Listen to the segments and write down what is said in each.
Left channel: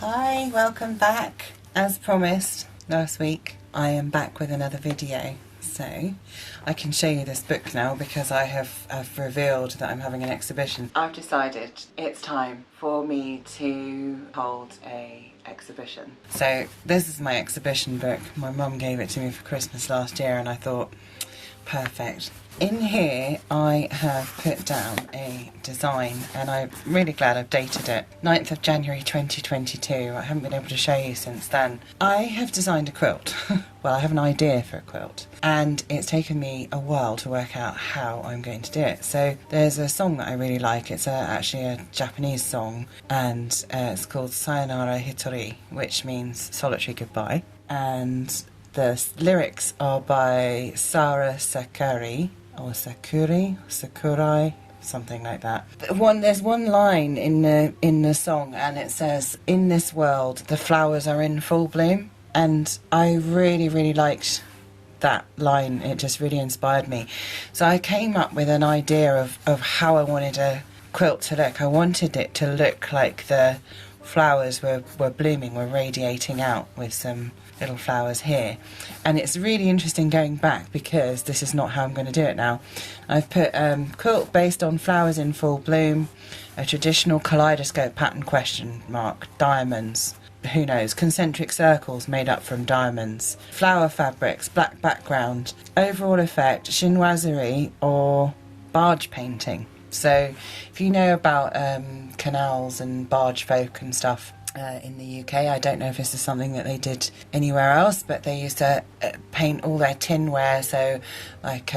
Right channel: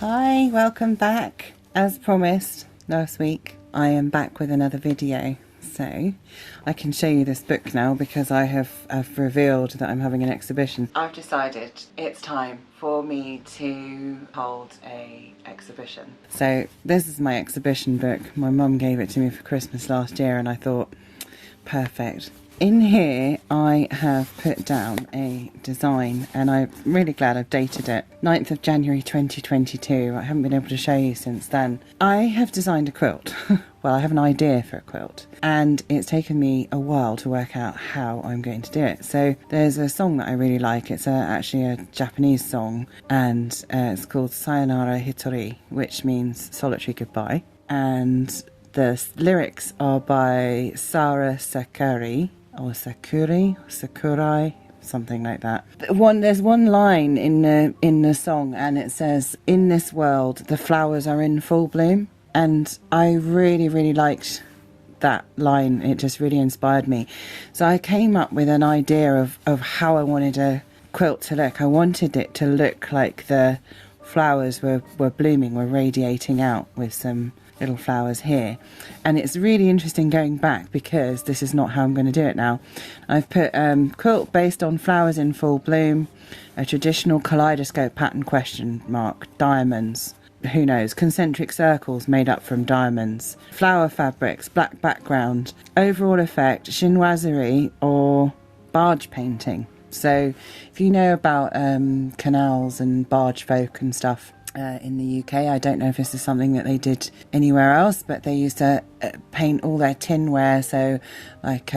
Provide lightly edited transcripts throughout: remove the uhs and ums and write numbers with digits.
Hi, welcome back. As promised last week, I am back with another video. So I can show you this book now because I've revealed that I'm having an exhibition. I've decided it's time for me to hold a exhibition. So this is my exhibition book. My mum gave it to me for Christmas last year and I thought, perfect. In here I have put down a design and I'm really glad I've dated it. 9th of January 2022. I haven't been able to show you since then. I have designed a quilt. Well, I have an idea for a quilt and it's taken me a while to work out how I'm going to do it. So there's a song that I really like. It's actually a Japanese song and it's called Sayonara Hitori, which means solitary goodbye. And the lyrics are by Sara Sakari, or Sakurai, something like that. There's one line in the song, and it says, "In this world, the flowers are in full bloom," and I really liked that line. It just really inspired me. So I came up with an idea of how I wanted a quilt to look. I wanted it to look like the flowers were blooming, were radiating out with some little flowers here. And it's really interesting going back because this is not how I'm going to do it now. I've put quilt based on flowers in full bloom, a traditional kaleidoscope pattern question mark, diamonds, who knows, concentric circles made up from diamonds, flower fabrics, black background, overall effect, chinoiserie or barge painting. So if you know about canals and barge folk and stuff, in the UK, I don't know if this is something that they did anywhere else, but they used to paint all their tinware, so like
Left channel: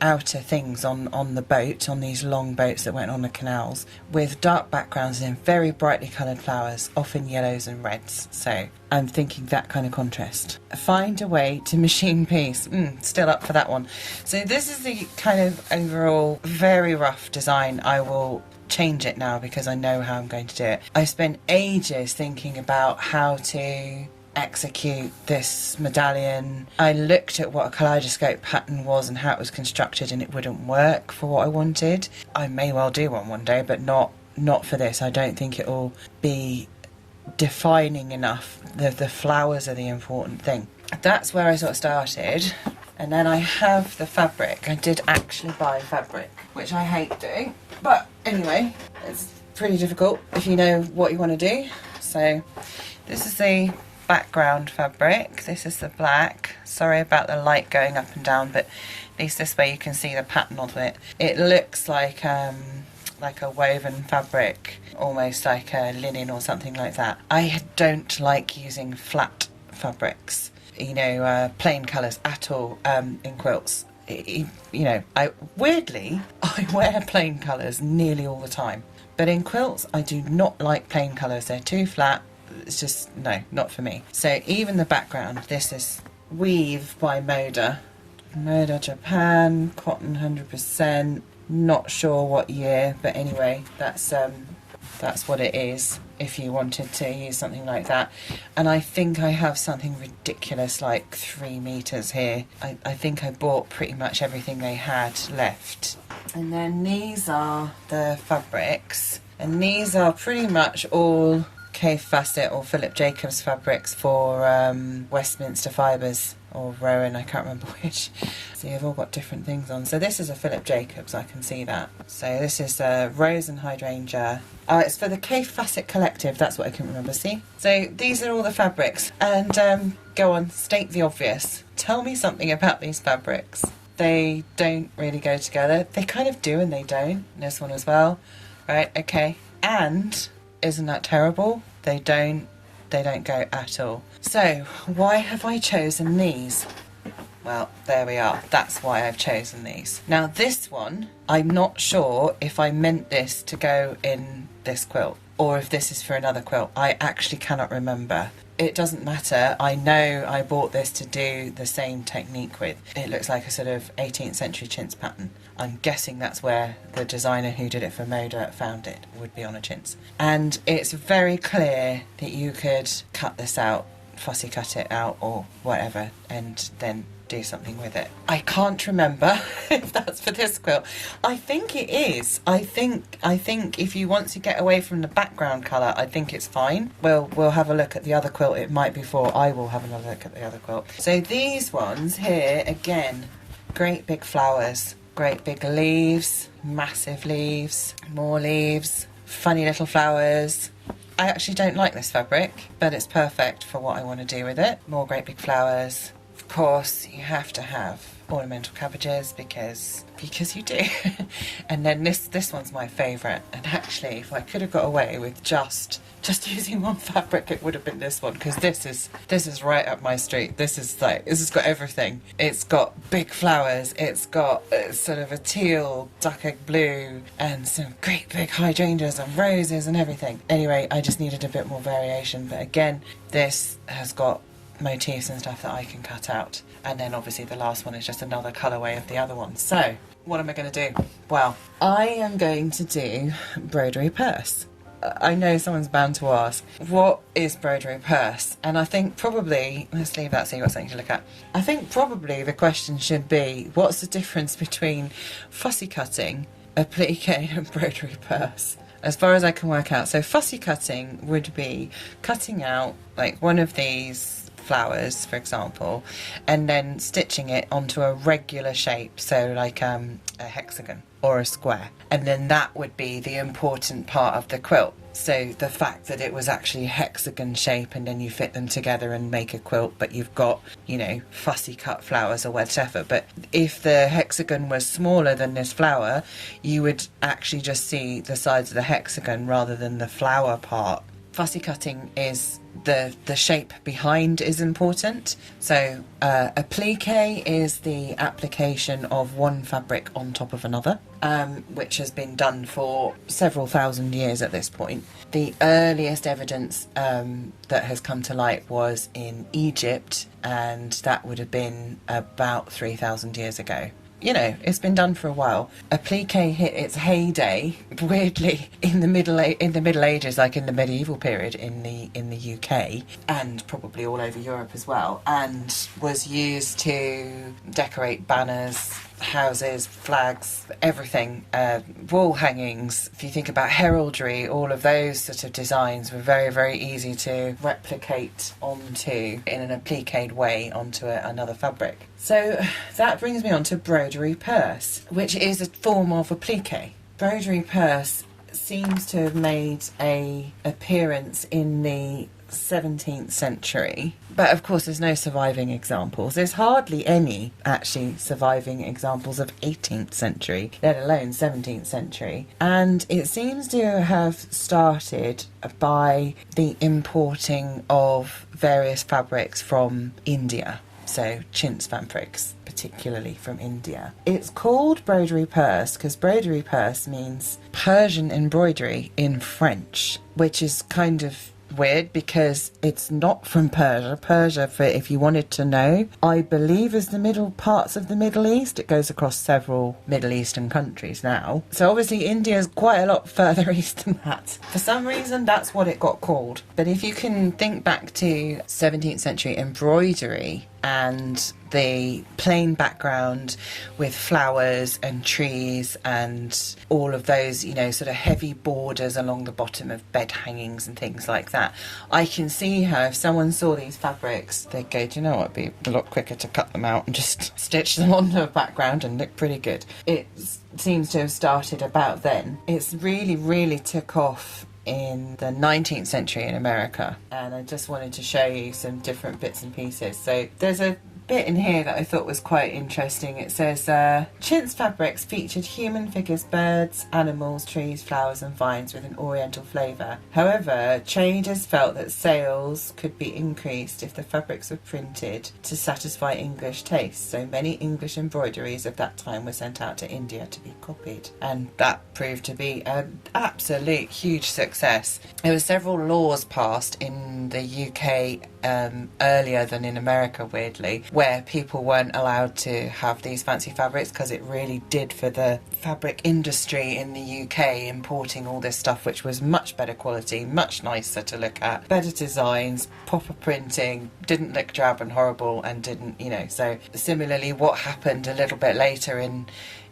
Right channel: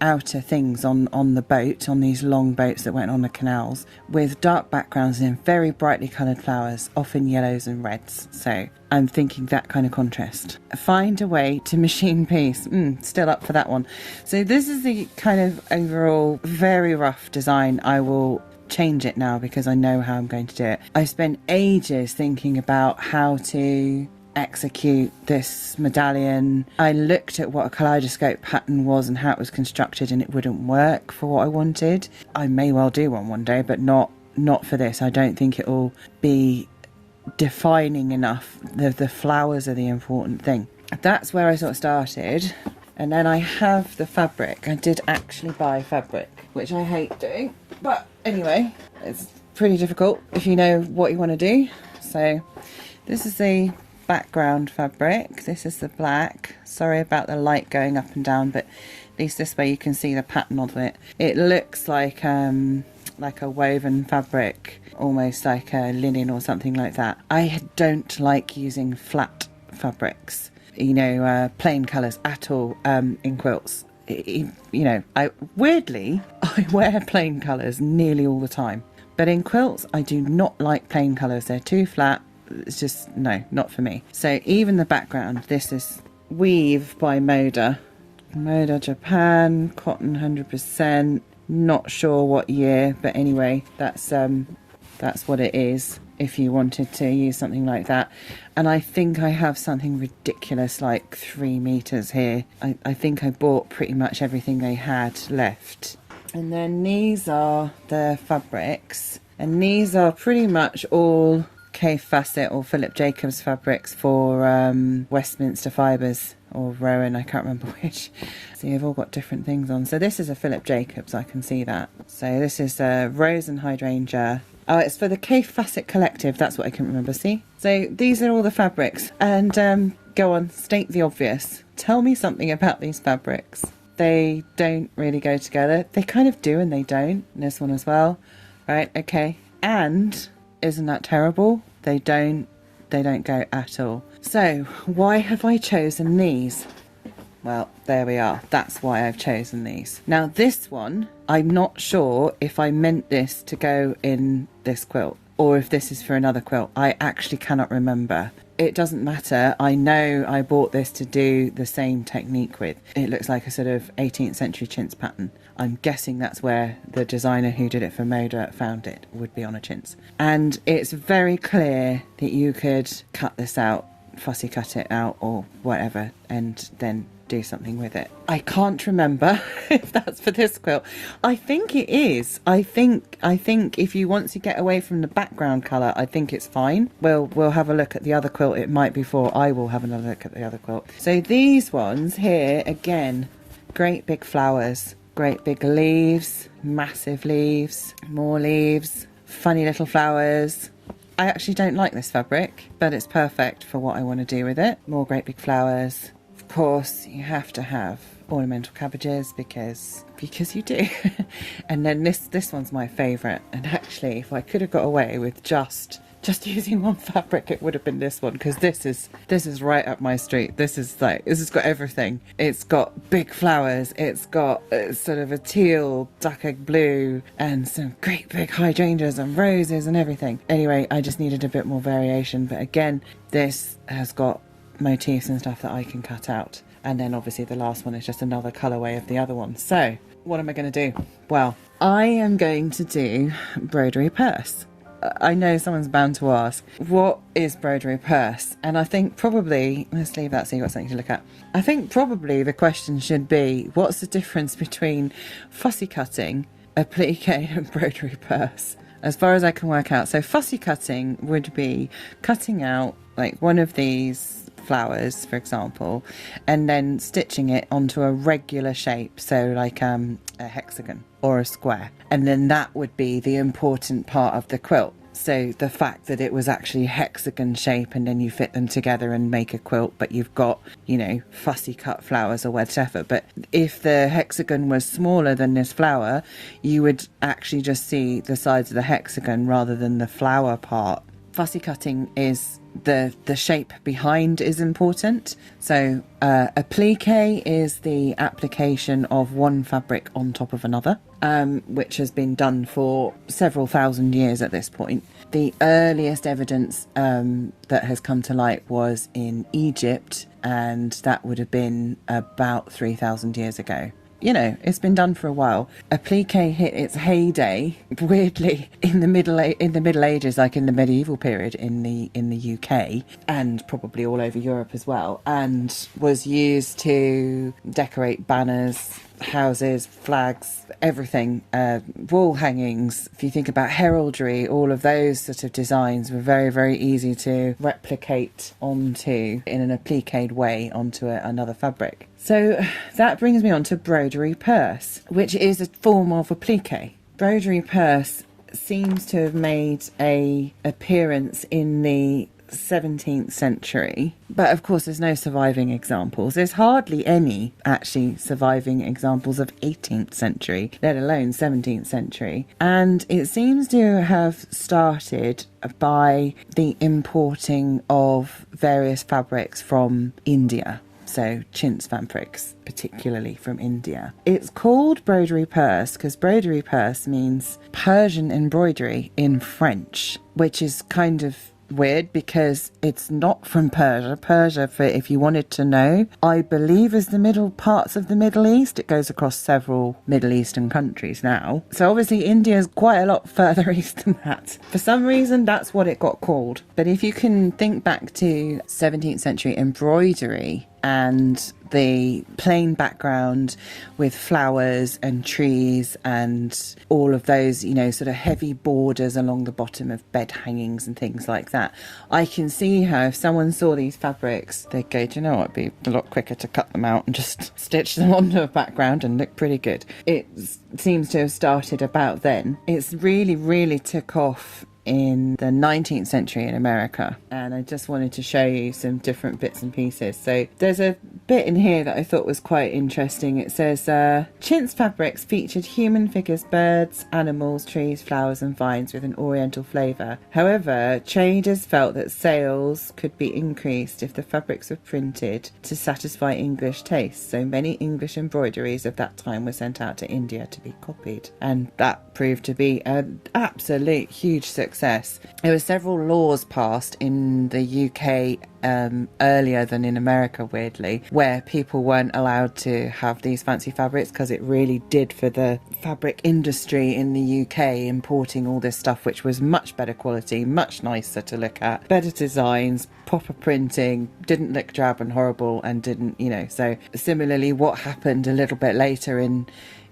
outer things on the boat, on these long boats that went on the canals, with dark backgrounds and very brightly coloured flowers, often yellows and reds. So I'm thinking that kind of contrast. Find a way to machine piece. Still up for that one. So this is the kind of overall very rough design. I will change it now because I know how I'm going to do it. I spent ages thinking about how to execute this medallion. I looked at what a kaleidoscope pattern was and how it was constructed and it wouldn't work for what I wanted. I may well do one day, but not for this. I don't think it will be defining enough. The flowers are the important thing. That's where I sort of started. And then I have the fabric. I did actually buy fabric, which I hate doing. But anyway, it's pretty difficult if you know what you want to do. So this is the background fabric. This is the black. Sorry about the light going up and down, but at least this way you can see the pattern of it. It looks like a woven fabric, almost like a linen or something like that. I don't like using flat fabrics, plain colours at all in quilts. I wear plain colours nearly all the time, but in quilts I do not like plain colours. They're too flat. It's just, no, not for me. So even the background, this is weave by Moda Japan, cotton 100%, not sure what year, but anyway, that's what it is if you wanted to use something like that. And I think I have something ridiculous like 3 meters here. I think I bought pretty much everything they had left. And then these are the fabrics, and these are pretty much all Kay Fassett or Philip Jacobs fabrics for Westminster Fibres or Rowan, I can't remember which. So you've all got different things on. So this is a Philip Jacobs, I can see that. So this is Rose and Hydrangea. Oh, it's for the Kay Fassett Collective, that's what I couldn't remember, see? So these are all the fabrics. And go on, state the obvious. Tell me something about these fabrics. They don't really go together. They kind of do and they don't. And this one as well. Right, okay. And isn't that terrible? They don't go at all. So why have I chosen these? Well, there we are. That's why I've chosen these. Now this one, I'm not sure if I meant this to go in this quilt or if this is for another quilt. I actually cannot remember. It doesn't matter. I know I bought this to do the same technique with. It looks like a sort of 18th century chintz pattern. I'm guessing that's where the designer who did it for Moda found it, would be on a chintz. And it's very clear that you could cut this out, fussy cut it out or whatever, and then do something with it. I can't remember if that's for this quilt. I think it is. I think if you want to get away from the background colour, I think it's fine. We'll have a look at the other quilt. It might be for, I will have another look at the other quilt. So these ones here, again, great big flowers, great big leaves, massive leaves, more leaves, funny little flowers. I actually don't like this fabric, but it's perfect for what I want to do with it. More great big flowers. Of course, you have to have ornamental cabbages because you do. And then this one's my favourite. And actually, if I could have got away with just using one fabric, it would have been this one, because this is right up my street. This has got everything. It's got big flowers, it's got sort of a teal duck egg blue and some great big hydrangeas and roses and everything. Anyway, I just needed a bit more variation, but again, this has got motifs and stuff that I can cut out. And then obviously the last one is just another colourway of the other one. So what am I going to do? Well, I am going to do Broderie Perse. I know someone's bound to ask, what is Broderie Perse? And I think probably, let's leave that so you've got something to look at. I think probably the question should be, what's the difference between fussy cutting, applique and Broderie Perse? As far as I can work out. So fussy cutting would be cutting out like one of these flowers, for example, and then stitching it onto a regular shape, so like a hexagon or a square, and then that would be the important part of the quilt. So the fact that it was actually hexagon shape and then you fit them together and make a quilt, but you've got, you know, fussy cut flowers or whatever. But if the hexagon was smaller than this flower, you would actually just see the sides of the hexagon rather than the flower part. Fussy cutting is the shape behind is important. So applique is the application of one fabric on top of another, which has been done for several thousand years at this point. The earliest evidence that has come to light was in Egypt, and that would have been about 3,000 years ago. You know, it's been done for a while. Applique hit its heyday, weirdly, in the Middle Ages, like in the medieval period in the UK, and probably all over Europe as well, and was used to decorate banners, houses, flags, everything, wall hangings. If you think about heraldry, all of those sort of designs were very, very easy to replicate onto, in an appliqued way, onto another fabric. So that brings me on to Broderie Perse, which is a form of applique. Broderie Perse seems to have made an appearance in the 17th century, but of course there's no surviving examples. There's hardly any actually surviving examples of 18th century, let alone 17th century, and it seems to have started by the importing of various fabrics from India. So chintz fabrics, particularly from India. It's called Broderie Perse because Broderie Perse means Persian embroidery in French, which is kind of weird because it's not from Persia. Persia, for if you wanted to know, I believe is the middle parts of the Middle East. It goes across several Middle Eastern countries now. So obviously India is quite a lot further east than that. For some reason, that's what it got called. But if you can think back to 17th century embroidery and the plain background with flowers and trees and all of those, you know, sort of heavy borders along the bottom of bed hangings and things like that, I can see how if someone saw these fabrics, they'd go, do you know what, it'd be a lot quicker to cut them out and just stitch them onto a background and look pretty good. It seems to have started about then. It's really took off in the 19th century in America, and I just wanted to show you some different bits and pieces. So there's a bit in here that I thought was quite interesting. It says chintz fabrics featured human figures, birds, animals, trees, flowers and vines with an oriental flavour. However, traders felt that sales could be increased if the fabrics were printed to satisfy English tastes, so many English embroideries of that time were sent out to India to be copied, and that proved to be an absolute huge success. There were several laws passed in the UK earlier than in America, weirdly, where people weren't allowed to have these fancy fabrics, because it really did for the fabric industry in the UK, importing all this stuff which was much better quality, much nicer to look at, better designs, proper printing, didn't look drab and horrible, and didn't, you know. So similarly, what happened a little bit later in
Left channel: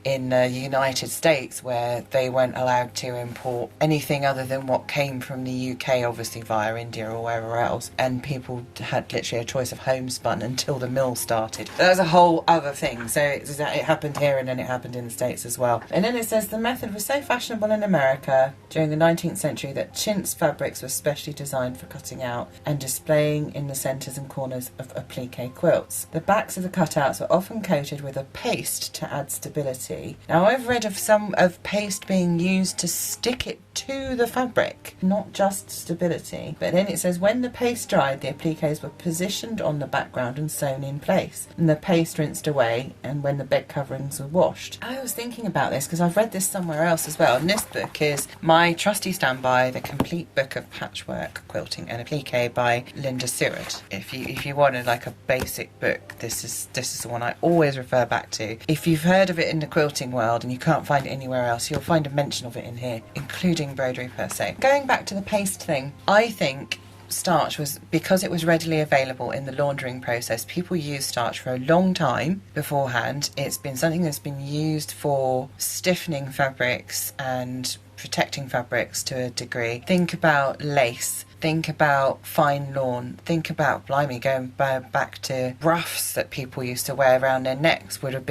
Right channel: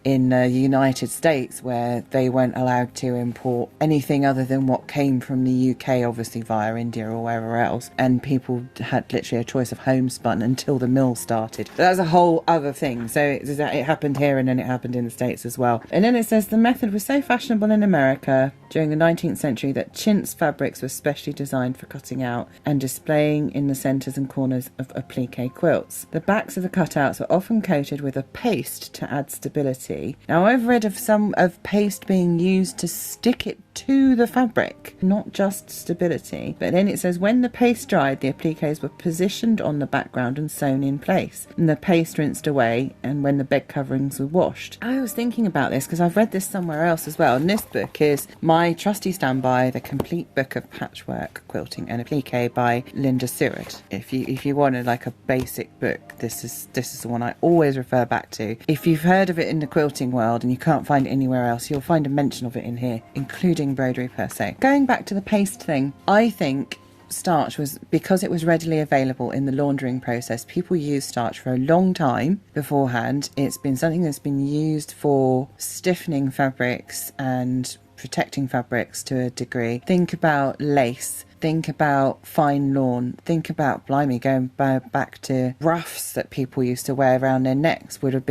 the United States, where they weren't allowed to import anything other than what came from the UK, obviously via India or wherever else, and people had literally a choice of homespun until the mill started. So that was a whole other thing. So it happened here, and then it happened in the States as well. And then it says the method was so fashionable in America during the 19th century that chintz fabrics were specially designed for cutting out and displaying in the centres and corners of applique quilts. The backs of the cutouts are often coated with a paste to add stability. Now, I've read of some of paste being used to stick it to the fabric, not just stability. But then it says when the paste dried, the appliques were positioned on the background and sewn in place, and the paste rinsed away, and when the bed coverings were washed. I was thinking about this because I've read this somewhere else as well, and this book is my trusty standby, The Complete Book of Patchwork Quilting and Applique by Linda Seward. If you wanted like a basic book, this is the one I always refer back to. If you've heard of it in the quilting world and you can't find it anywhere else, you'll find a mention of it in here, including Broderie Perse. Going back to the paste thing, I think starch was, because it was readily available in the laundering process, people used starch for a long time beforehand. It's been something that's been used for stiffening fabrics and protecting fabrics to a degree. Think about lace, think about fine lawn, think about, blimey, going back to ruffs that people used to wear around their necks would have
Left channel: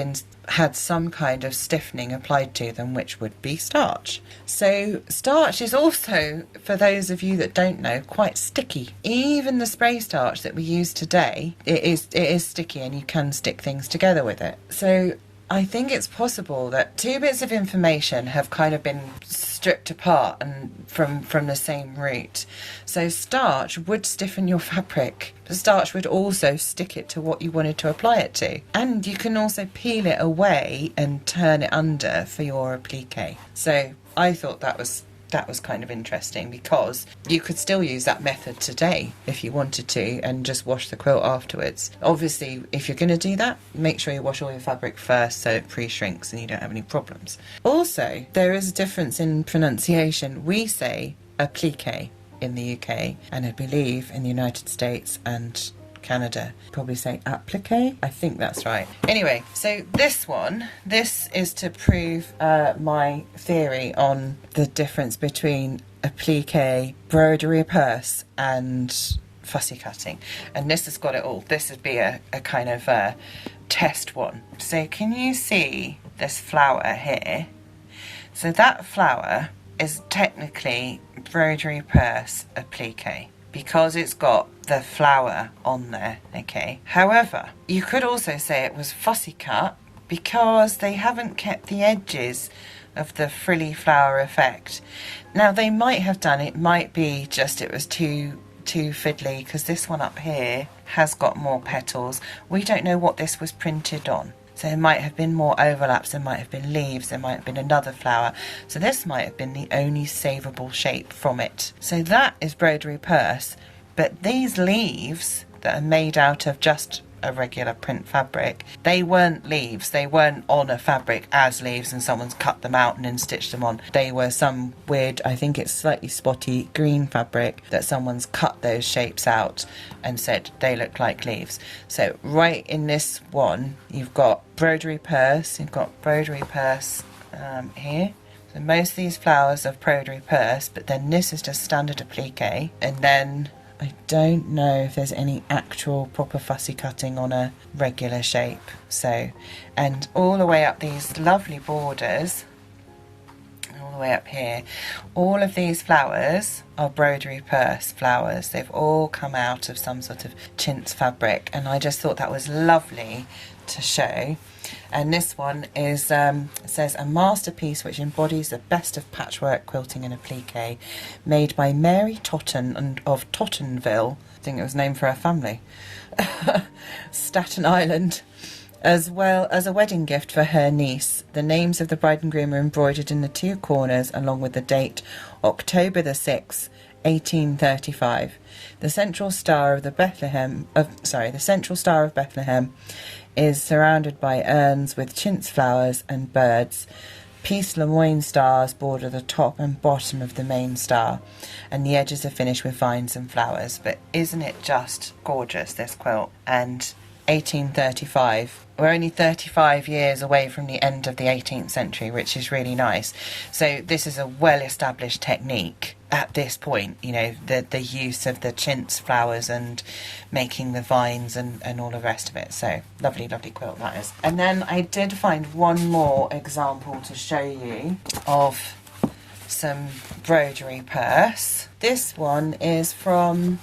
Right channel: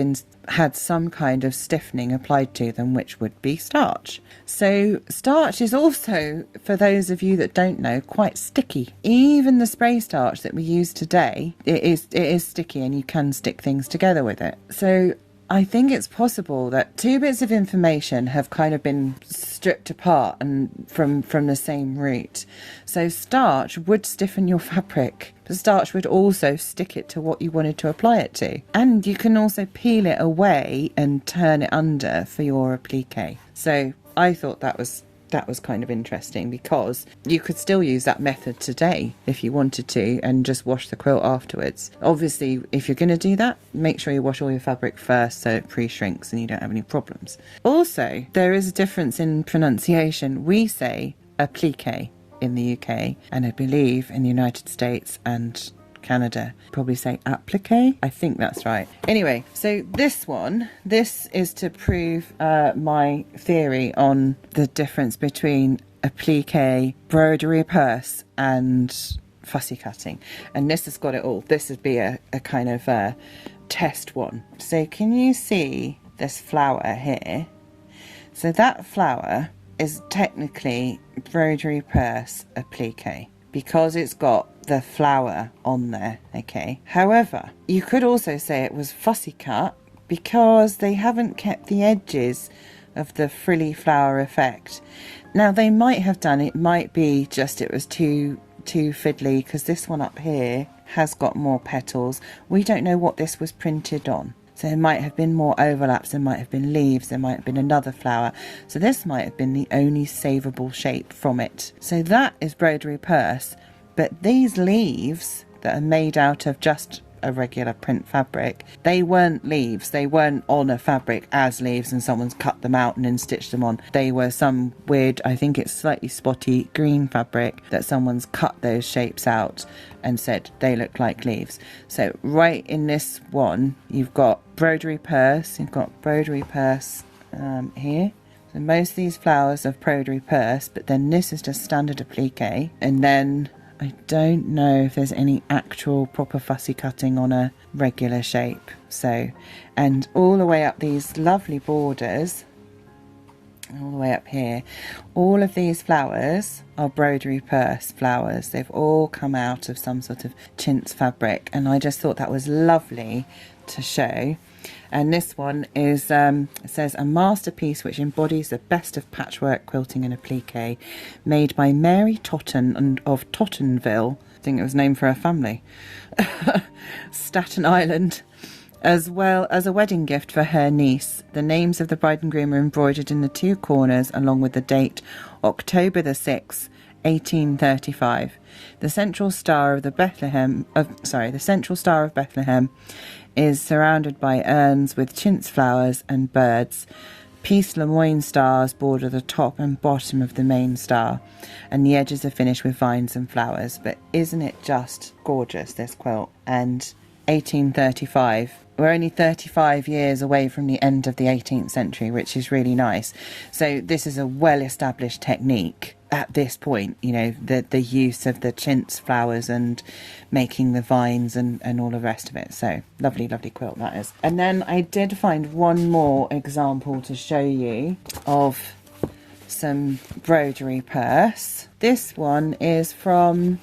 had some kind of stiffening applied to them, which would be starch. So starch is also, for those of you that don't know, quite sticky. Even the spray starch that we use today, it is sticky, and you can stick things together with it. So I think it's possible that two bits of information have kind of been stripped apart and from the same root. So starch would stiffen your fabric, but starch would also stick it to what you wanted to apply it to. And you can also peel it away and turn it under for your applique. So I thought that was kind of interesting, because you could still use that method today if you wanted to, and just wash the quilt afterwards. Obviously, if you're going to do that, make sure you wash all your fabric first so it pre-shrinks and you don't have any problems. Also, there is a difference in pronunciation. We say applique in the UK, and I believe in the United States and Canada probably say applique. I think that's right. Anyway, so this is to prove my theory on the difference between applique, Broderie Perse and fussy cutting, and this has got it all. This would be a kind of test one. So can you see this flower here? So that flower is technically Broderie Perse applique, because it's got the flower on there, okay? However, you could also say it was fussy cut, because they haven't kept the edges of the frilly flower effect. Now, they might have done, it might be just it was too fiddly, because this one up here has got more petals. We don't know what this was printed on. So there might have been more overlaps, there might have been leaves, there might have been another flower. So this might have been the only savable shape from it. So that is Broderie Perse. But these leaves that are made out of just a regular print fabric, they weren't leaves. They weren't on a fabric as leaves and someone's cut them out and then stitched them on. They were some weird, I think it's slightly spotty green fabric that someone's cut those shapes out and said they look like leaves. So right in this one, you've got Broderie Perse, you've got Broderie Perse here. So most of these flowers are Broderie Perse, but then this is just standard applique, and then I don't know if there's any actual proper fussy cutting on a regular shape. So, and all the way up these lovely borders, all the way up here, all of these flowers are Broderie Perse flowers. They've all come out of some sort of chintz fabric, and I just thought that was lovely to show. And this one is says a masterpiece which embodies the best of patchwork quilting and applique, made by Mary Totten of Tottenville. I think it was named for her family. Staten Island, as well as a wedding gift for her niece. The names of the bride and groom are embroidered in the two corners, along with the date October the 6th, 1835. The central star of Bethlehem is surrounded by urns with chintz flowers and birds. Peace Lemoyne stars border the top and bottom of the main star, and the edges are finished with vines and flowers. But isn't it just gorgeous, this quilt? And 1835. We're only 35 years away from the end of the 18th century, which is really nice. So this is a well-established technique at this point, you know, the use of the chintz flowers and making the vines and all the rest of it. So lovely, lovely quilt that is. And then I did find one more example to show you of some Broderie Perse. This one is from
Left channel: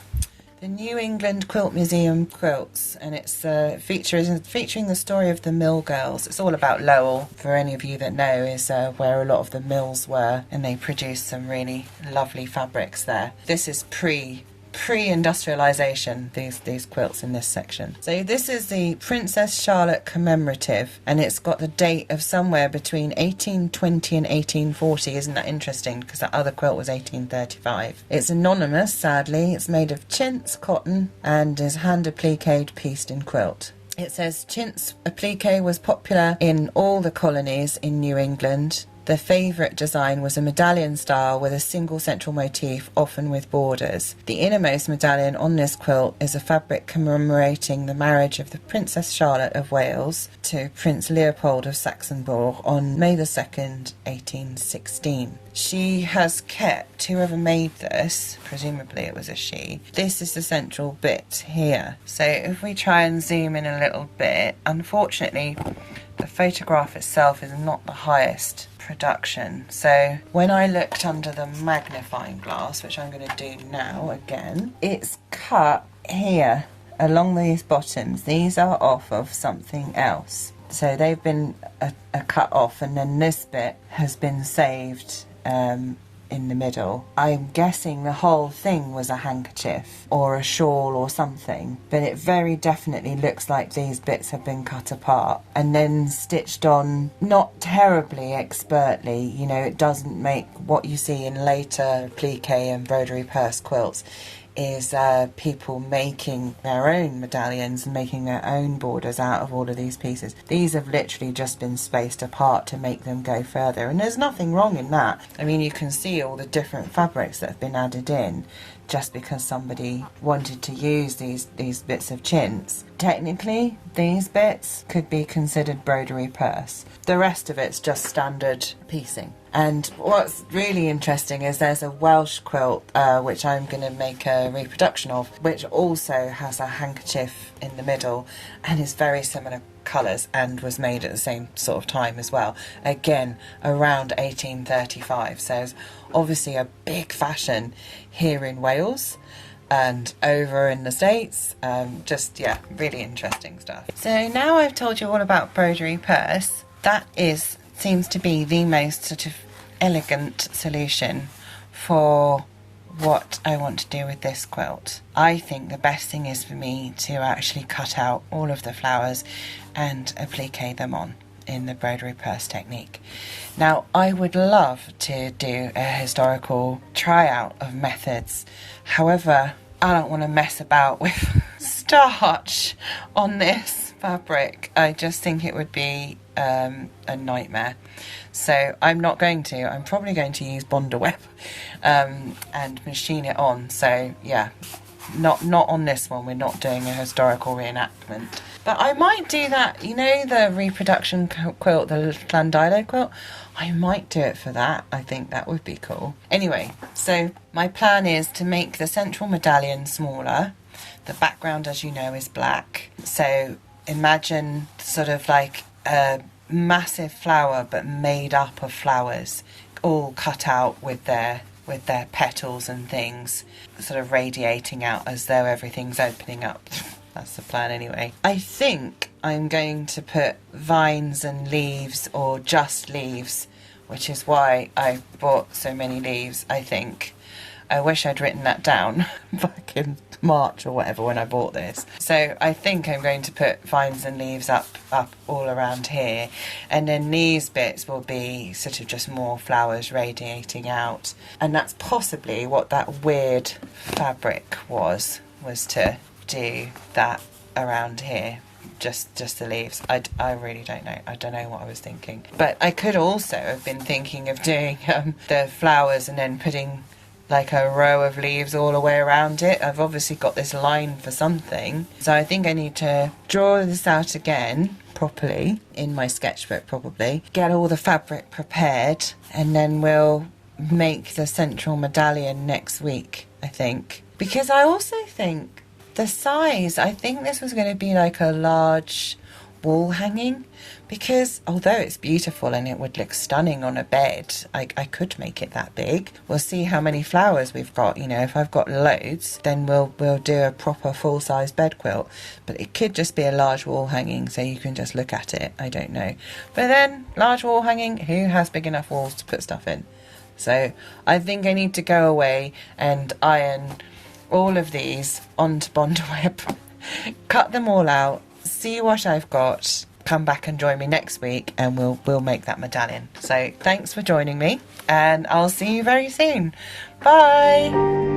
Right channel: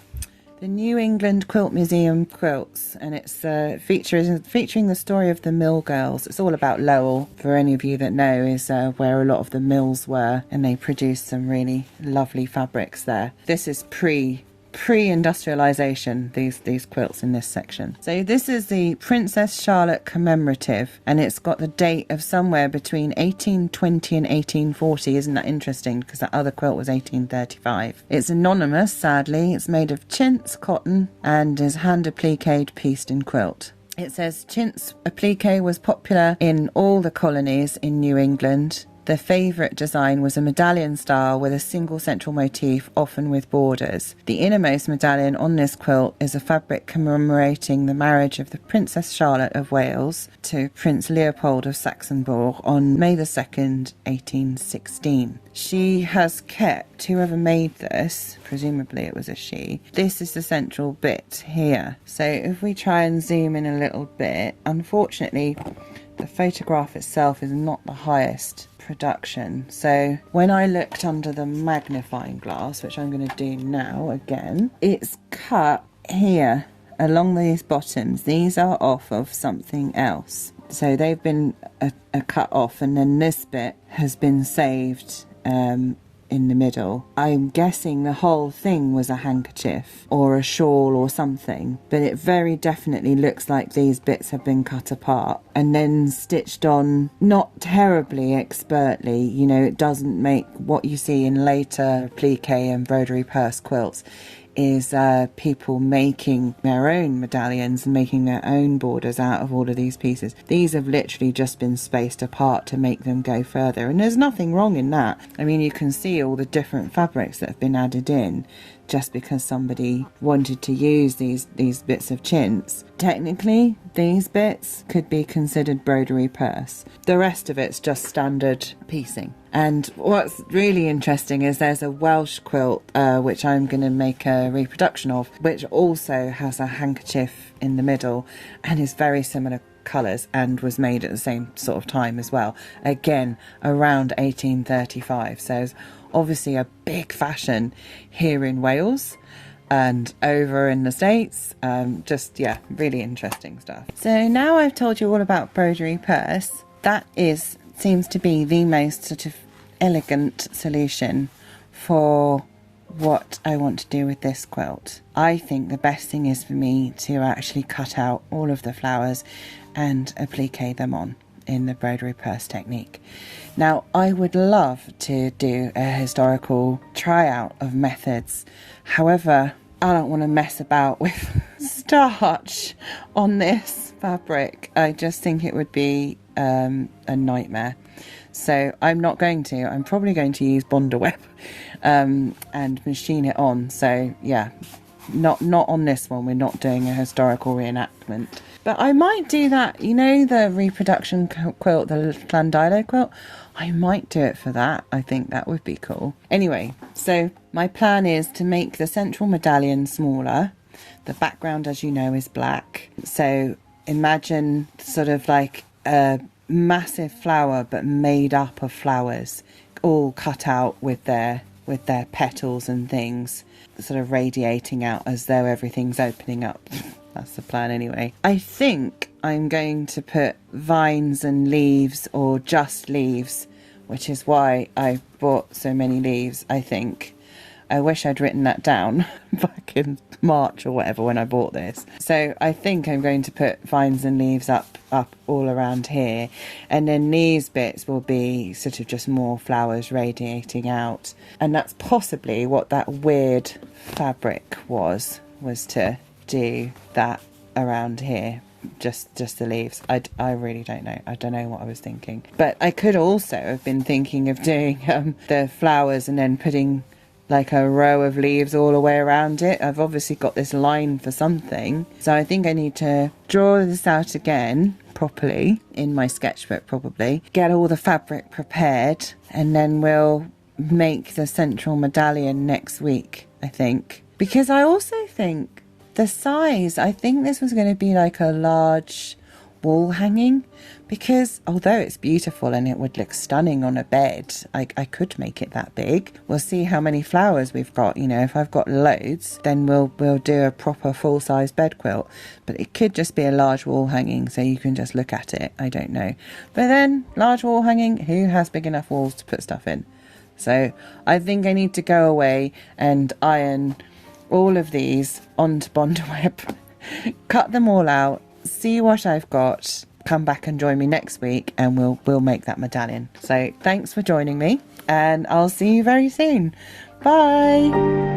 the New England Quilt Museum quilts, and it's featuring the story of the mill girls. It's all about Lowell, for any of you that know, is where a lot of the mills were, and they produced some really lovely fabrics there. This is pre-industrialization, these quilts in this section. So this is the Princess Charlotte commemorative, and it's got the date of somewhere between 1820 and 1840. Isn't that interesting? Because that other quilt was 1835. It's anonymous, sadly. It's made of chintz cotton and is hand appliqued pieced in quilt. It says chintz applique was popular in all the colonies in New England. Their favourite design was a medallion style with a single central motif, often with borders. The innermost medallion on this quilt is a fabric commemorating the marriage of the Princess Charlotte of Wales to Prince Leopold of Saxe-Coburg on May the 2nd, 1816. She has kept, whoever made this, presumably it was a she, this is the central bit here. So if we try and zoom in a little bit, unfortunately the photograph itself is not the highest production. So when I looked under the magnifying glass, which I'm going to do now again, it's cut here along these bottoms. These are off of something else. So they've been cut off, and then this bit has been saved in the middle. I'm guessing the whole thing was a handkerchief or a shawl or something, but it very definitely looks like these bits have been cut apart and then stitched on, not terribly expertly. You know, it doesn't make what you see in later applique and Broderie Perse quilts is people making their own medallions and making their own borders out of all of these pieces. These have literally just been spaced apart to make them go further, and there's nothing wrong in that. I mean, you can see all the different fabrics that have been added in just because somebody wanted to use these bits of chintz. Technically, these bits could be considered Broderie Perse. The rest of it's just standard piecing. And what's really interesting is there's a Welsh quilt, which I'm going to make a reproduction of, which also has a handkerchief in the middle and is very similar colours and was made at the same sort of time as well. Again, around 1835. So it's obviously a big fashion here in Wales and over in the States. Really interesting stuff. So now I've told you all about Broderie Perse. That seems to be the most sort of elegant solution for what I want to do with this quilt. I think the best thing is for me to actually cut out all of the flowers and applique them on in the Broderie Perse technique. Now, I would love to do a historical tryout of methods. However, I don't want to mess about with starch on this fabric. I just think it would be a nightmare. So I'm not going to. I'm probably going to use Bonder Web and machine it on. So yeah, not on this one. We're not doing a historical reenactment. But I might do that. You know, the reproduction quilt, the Clandilo quilt? I might do it for that. I think that would be cool. Anyway, so my plan is to make the central medallion smaller. The background, as you know, is black. So imagine sort of like a massive flower but made up of flowers, all cut out with their petals and things sort of radiating out as though everything's opening up. That's the plan anyway. I think I'm going to put vines and leaves, or just leaves, which is why I bought so many leaves, I think, I wish I'd written that down back in March or whatever when I bought this. So I think I'm going to put vines and leaves up all around here, and then these bits will be sort of just more flowers radiating out, and that's possibly what that weird fabric was to do that around here. Just the leaves. I really don't know. I don't know what I was thinking. But I could also have been thinking of doing the flowers and then putting like a row of leaves all the way around it. I've obviously got this line for something, so I think I need to draw this out again properly in my sketchbook, probably get all the fabric prepared, and then we'll make the central medallion next week, I think. Because I also think the size, I think this was going to be like a large wall hanging, because although it's beautiful and it would look stunning on a bed, I could make it that big. We'll see how many flowers we've got. You know, if I've got loads, then we'll do a proper full-size bed quilt. But it could just be a large wall hanging, so you can just look at it. I don't know. But then, large wall hanging, who has big enough walls to put stuff in? So I think I need to go away and iron all of these onto Bondweb, cut them all out, see what I've got, come back and join me next week, and we'll make that medallion. So thanks for joining me, and I'll see you very soon. Bye.